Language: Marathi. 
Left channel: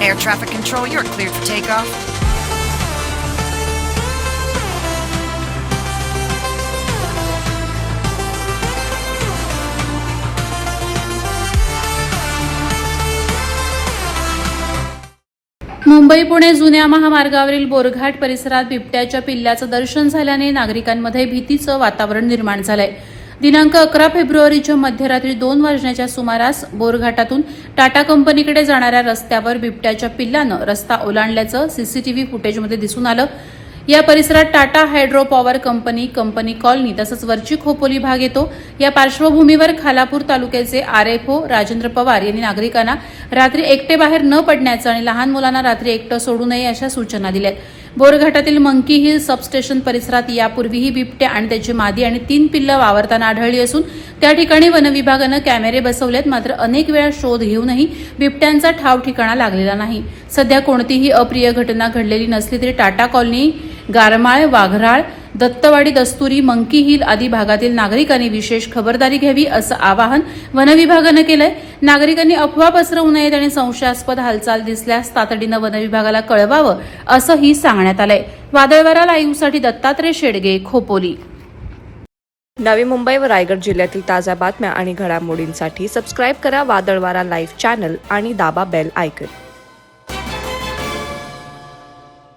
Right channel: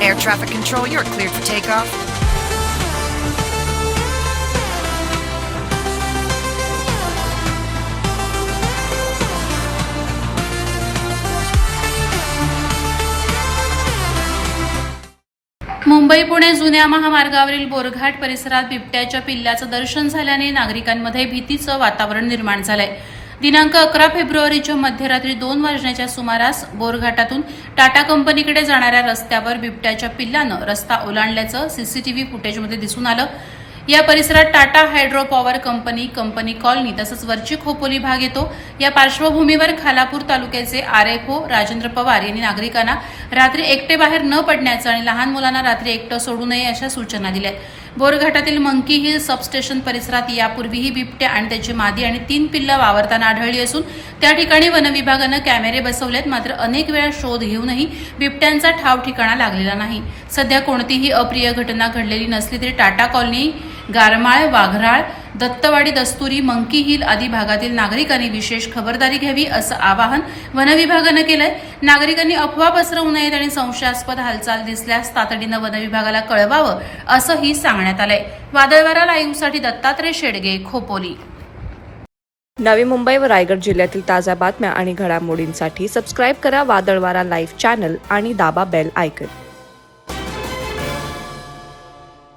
air traffic control. You're cleared for takeoff. Mumbai Pune जुन्या महामार्गावरील बोरघाट परिसरात बिबट्याच्या पिल्लाचं दर्शन झाल्याने नागरिकांमध्ये भीतीचं वातावरण निर्माण झालंय। दिनांक 11 फेब्रुवारीच्या मध्यरात्री 2 वाजण्याच्या सुमारास बोरघाटातून टाटा कंपनीकडे जाणाऱ्या रस्त्यावर बिबट्याच्या पिल्लानं रस्ता ओलांडल्याचं सीसीटीव्ही फुटेजमध्ये दिसून आलं। या परिसरात Tata hydro power company colony तसंच वरची खोपोली भाग येतो। या पार्श्वभूमीवर खालापूर तालुक्याचे आरएफओ राजेंद्र पवार यांनी नागरिकांना रात्री एकटे बाहेर न पडण्याचं आणि लहान मुलांना रात्री एकटं सोडू नये अशा सूचना दिल्या। बोरघाटातील मंकी हिल सबस्टेशन परिसरात यापूर्वीही बिबट्या आणि त्याची मादी आणि 3 पिल्लं वावरताना आढळली असून त्या ठिकाणी वनविभागानं कॅमेरे बसवलेत। मात्र अनेक वेळा शोध घेऊनही बिबट्यांचा ठाव ठिकाणा लागलेला नाही। सध्या कोणतीही अप्रिय घटना घडलेली नसली तरी Tata colony, Garmal, Waghral, Dattawadi, Dasturi, monkey hill आदी भागातील नागरिकांनी विशेष खबरदारी घ्यावी असं आवाहन वनविभागानं केलंय। नागरिकांनी अफवा पसरवू नयेत आणि संशयास्पद हालचाल दिसल्यास तातडीनं वनविभागाला कळवावं असंही सांगण्यात आलंय। वादळवारा लाईव्हसाठी दत्तात्रय शेडगे, खोपोली। नवी मुंबई व रायगड जिल्ह्यातील ताज्या बातम्या आणि घडामोडींसाठी सबस्क्राईब करा वादळवारा लाईव्ह चॅनल आणि दाबा बेल आयकॉन।